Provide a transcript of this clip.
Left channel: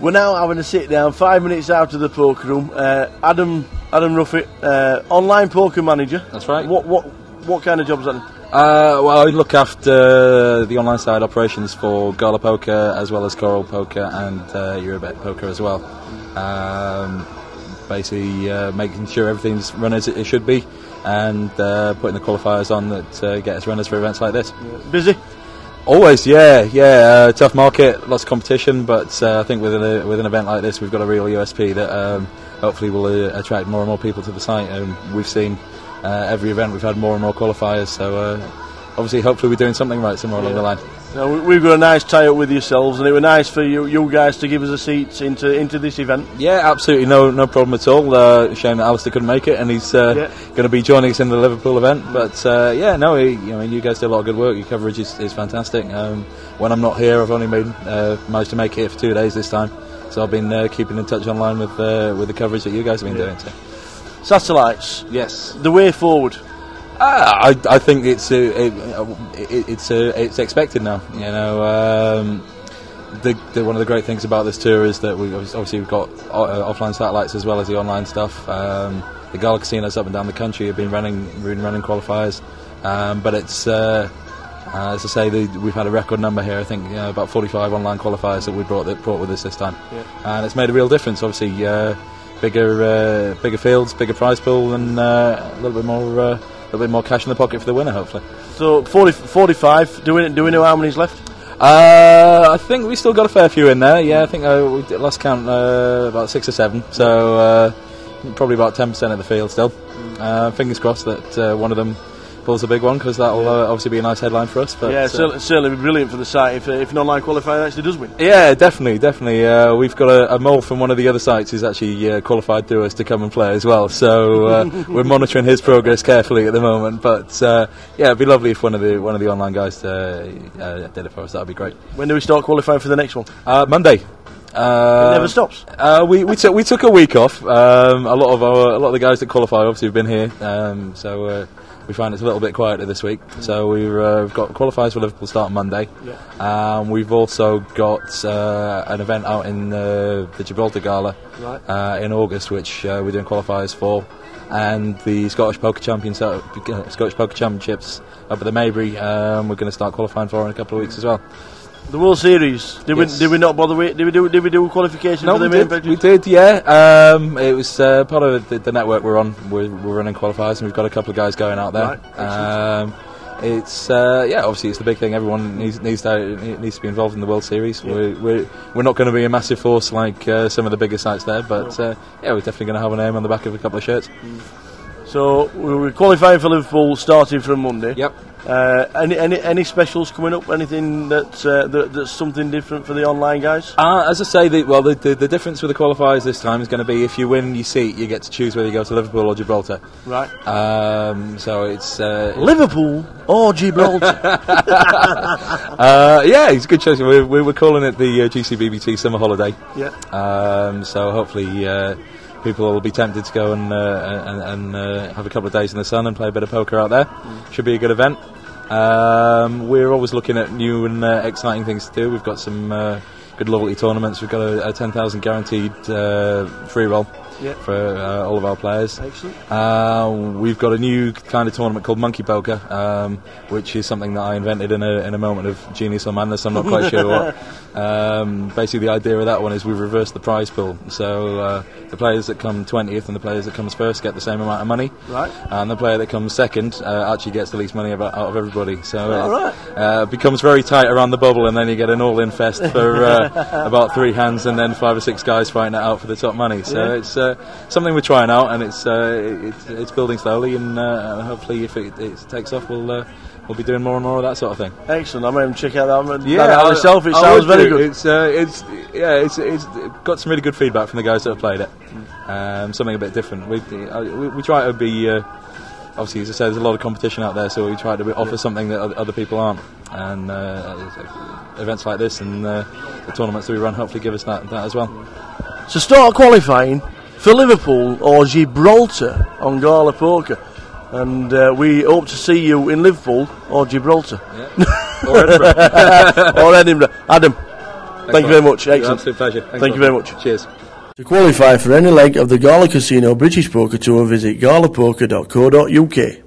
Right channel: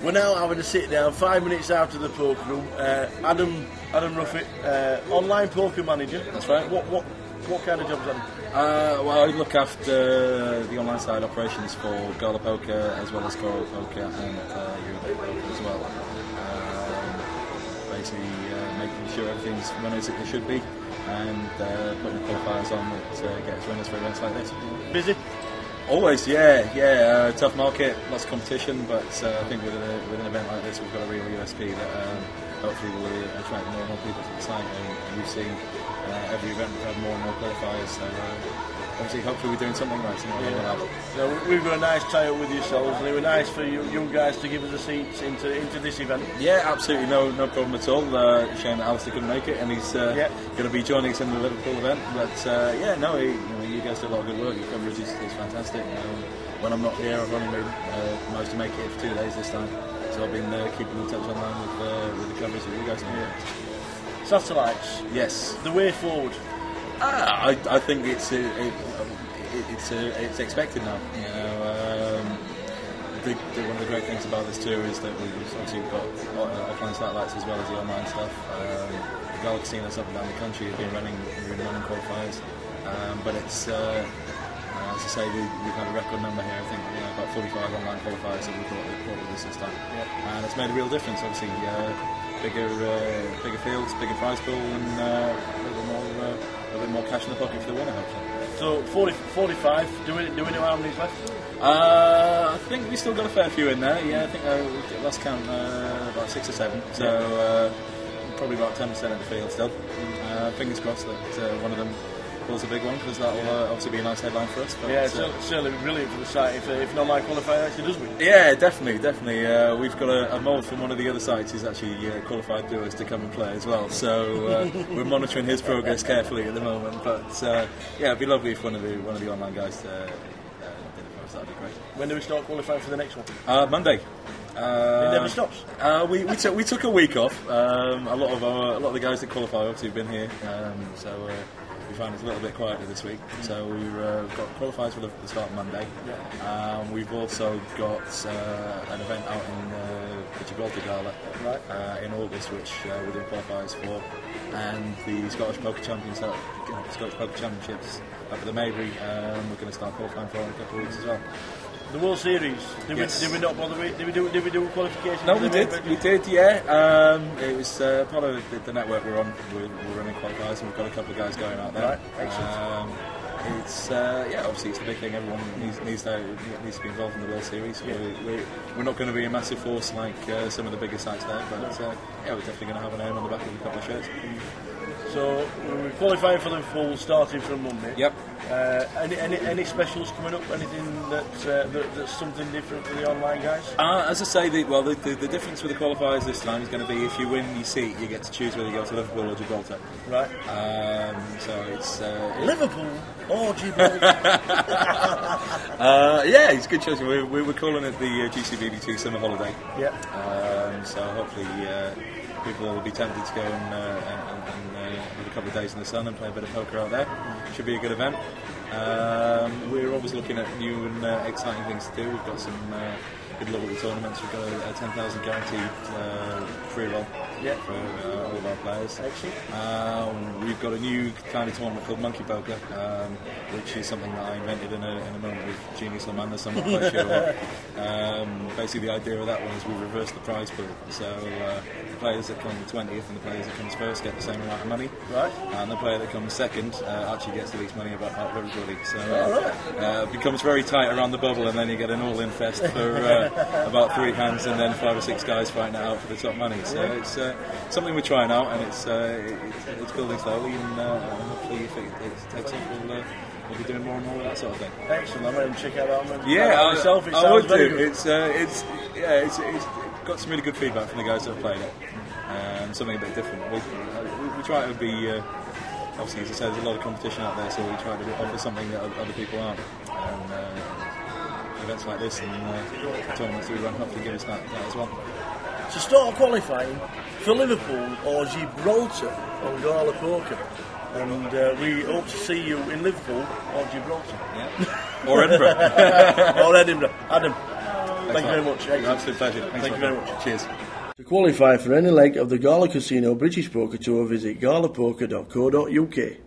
We're now having a sit down 5 minutes out of the poker room. Adam Ruffet, online poker manager. That's right. What kind of jobs that? Well, I look after the online side operations for Gala Poker as well as Coral Poker and Eurobet Poker as well. Basically making sure everything's run as it should be and putting the qualifiers on that get us runners for events like this. Busy? Always, yeah. Tough market, lots of competition, but I think with an event like this, we've got a real USP that hopefully will attract more and more people to the site. We've seen every event we've had more and more qualifiers, so obviously, hopefully, we're doing something right somewhere along the line. Now, we've got a nice tie-up with yourselves, and it was nice for you guys to give us a seat into this event. Yeah, absolutely, no problem at all. Shame that Alistair couldn't make it, and he's going to be joining us in the Liverpool event. But you guys do a lot of good work. Your coverage is fantastic. When I'm not here, I've only managed to make it here for 2 days this time, so I've been keeping in touch online with the coverage that you guys have been doing. So. Satellites. Yes. The way forward. I think it's expected now. One of the great things about this tour is that we've got offline satellites as well as the online stuff. The Gala casinos up and down the country have been running qualifiers, but it's as I say, we've had a record number here. I think about 45 online qualifiers that we brought with us this time, and it's made a real difference. Obviously, bigger fields, bigger prize pool, and a little bit more cash in the pocket for the winner, hopefully. So 45. Do we know how many's left? I think we still got a fair few in there. Yeah, I think we lost count about 6 or 7. So probably about 10% of the field still. Fingers crossed that one of them pulls a big one, because that'll obviously be a nice headline for us. But, certainly be brilliant for the site if an online qualifier actually does win. Yeah, definitely. We've got a mole from one of the other sites who's actually qualified through us to come and play as well. So we're monitoring his progress carefully at the moment. But it'd be lovely if one of the online guys did it for us. That'd be great. When do we start qualifying for the next one? Monday. It never stops. We took a week off. A lot of the guys that qualify obviously have been here. So we find it's a little bit quieter this week. So we've got qualifiers for Liverpool start on Monday. Yeah. We've also got an event out in the Gibraltar Gala in August, which we're doing qualifiers for, and the Scottish Poker Championships up at the Maybury. We're going to start qualifying for in a couple of weeks as well. The World Series. Did we not bother with? Did we do qualification? No, for we did. Yeah. It was part of the network we're on. We're running qualifiers, and we've got a couple of guys going out there. Right. It's obviously it's the big thing. Everyone needs to be involved in the World Series. Yeah. We're not going to be a massive force like some of the bigger sites there, but we're definitely going to have a name on the back of a couple of shirts. So we're qualifying for Liverpool starting from Monday. Yep. Any specials coming up? Anything that's something different for the online guys? As I say, the difference with the qualifiers this time is going to be if you win your seat, you get to choose whether you go to Liverpool or Gibraltar. Right. So it's Liverpool or Gibraltar. It's a good choice. We're calling it the GCBPT summer holiday. Yeah. So hopefully people will be tempted to go and have a couple of days in the sun and play a bit of poker out there. Should be a good event. We're always looking at new and exciting things to do. We've got some good loyalty tournaments. We've got a 10,000 guaranteed free roll for all of our players. Excellent. We've got a new kind of tournament called Monkey Poker, which is something that I invented in a moment of genius or madness. I'm not quite sure what. Basically, the idea of that one is we've reversed the prize pool. So the players that come 20th and the players that comes first get the same amount of money. Right. And the player that comes second actually gets the least money out of everybody. So it becomes very tight around the bubble, and then you get an all-in fest for about 3 hands, and then 5 or 6 guys fighting it out for the top money. So it's something we're trying out, and it's building slowly, and hopefully if it takes off, we'll be doing more and more of that sort of thing. Excellent. I'm going to check out that one. Yeah, myself. It sounds very good. It's got some really good feedback from the guys that have played it. Something a bit different. We try to be. Obviously, as I said, there's a lot of competition out there, so we try to offer something that other people aren't. And events like this and the tournaments that we run hopefully give us that as well. So start qualifying for Liverpool or Gibraltar on Gala Poker. And we hope to see you in Liverpool or Gibraltar. Yeah. Or Edinburgh. Or Edinburgh. Adam, Thank you very much. Excellent. Absolute pleasure. Thank you very much. Cheers. To qualify for any leg of the Gala Casino British Poker Tour, visit galapoker.co.uk.